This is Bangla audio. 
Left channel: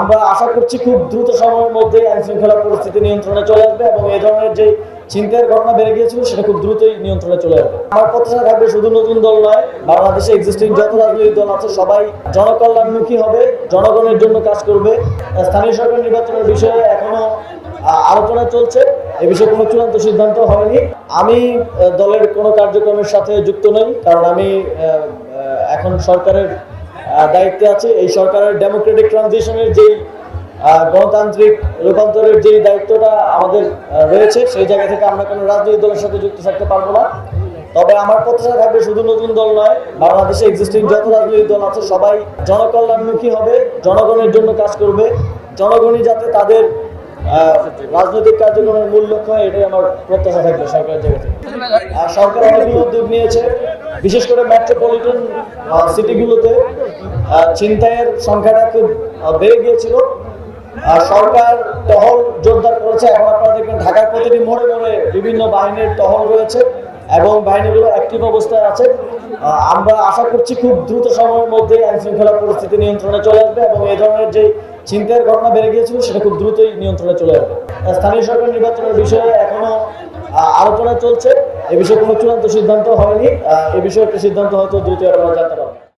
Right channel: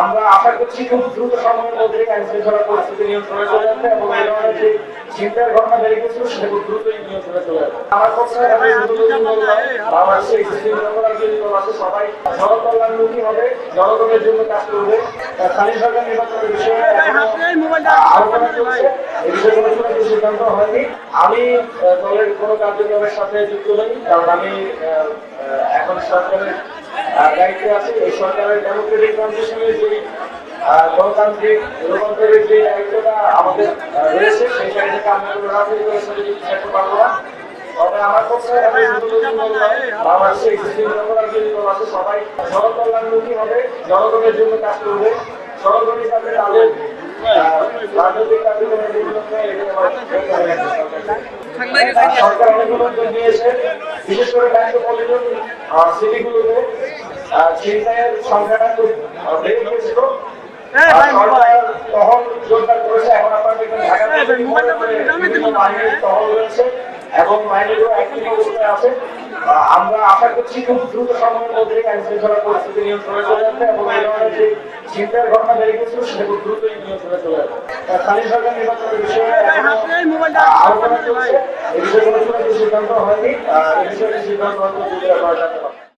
আমরা আশা করছি খুব দ্রুত সময়ের মধ্যে আইন শৃঙ্খলা পরিস্থিতি নিয়ন্ত্রণে চলে আসবে এবং এই ধরনের যে চিন্তার ঘটনা বেড়ে গিয়েছিল সেটা খুব দ্রুতই নিয়ন্ত্রণে চলে আসবে। আমার কথা থাকবে শুধু নতুন দল নয়, বাংলাদেশে এক্সিস্টিং যত রাজনৈতিক দল আছে সবাই জনকল্যাণমুখী হবে, জনগণের জন্য কাজ করবে। স্থানীয় সরকার নির্বাচনের বিষয়ে এখনো আলোচনা চলছে, এ বিষয়ে কোনো চূড়ান্ত সিদ্ধান্ত হয়নি। আমি দলের কোনো কার্যক্রমের সাথে যুক্ত নই, কারণ আমি এখন সরকারের দায়িত্বে আছে। এই সরকারের ডেমোক্রেটিক ট্রানজিশনের যেই গণতান্ত্রিক রূপান্তরের যে দায়িত্বটা আমাদের রয়েছে, সেই জায়গা থেকে আমরা কোনো রাজনৈতিক দলের সাথে যুক্ত থাকতে পারবো না। তবে আমার কথা থাকবে শুধু নতুন দল নয়, বাংলাদেশে এক্সিস্টিং যত রাজনৈতিক দল আছে সবাই জনকল্যাণমুখী হবে, জনগণের জন্য কাজ করবে। জনগণই যাতে তাদের রাজনৈতিক কার্যক্রমের মূল লক্ষ্য হয়, এটাই আমার প্রত্যাশা থাকবে সরকারের জন্য। সরকার অনেক উদ্যোগ নিয়েছে, বিশেষ করে মেট্রোপলিটন সিটিগুলোতে ছিনতাইয়ের সংখ্যাটা খুব বেড়ে গিয়েছিল। সরকার টহল জোরদার করেছে। এখন আপনারা দেখবেন ঢাকার প্রতিটি মোড়ে বিভিন্ন বাহিনীর টহল রয়েছে এবং বাহিনীগুলো অ্যাক্টিভ অবস্থায় আছে। আমরা আশা করছি খুব দ্রুত সময়ের মধ্যে আইন শৃঙ্খলা পরিস্থিতি নিয়ন্ত্রণে চলে আসবে এবং এই ধরনের যে চিন্তার ঘটনা বেড়ে গিয়েছিল সেটা খুব দ্রুতই নিয়ন্ত্রণে চলে আসবে। স্থানীয় সরকার নির্বাচনের বিষয়ে এখনো আলোচনা চলছে, এ বিষয়ে কোনো চূড়ান্ত সিদ্ধান্ত হয়নি। এ বিষয়ে একটি সিদ্ধান্ত হয়তো দ্রুত জানাতে হবে।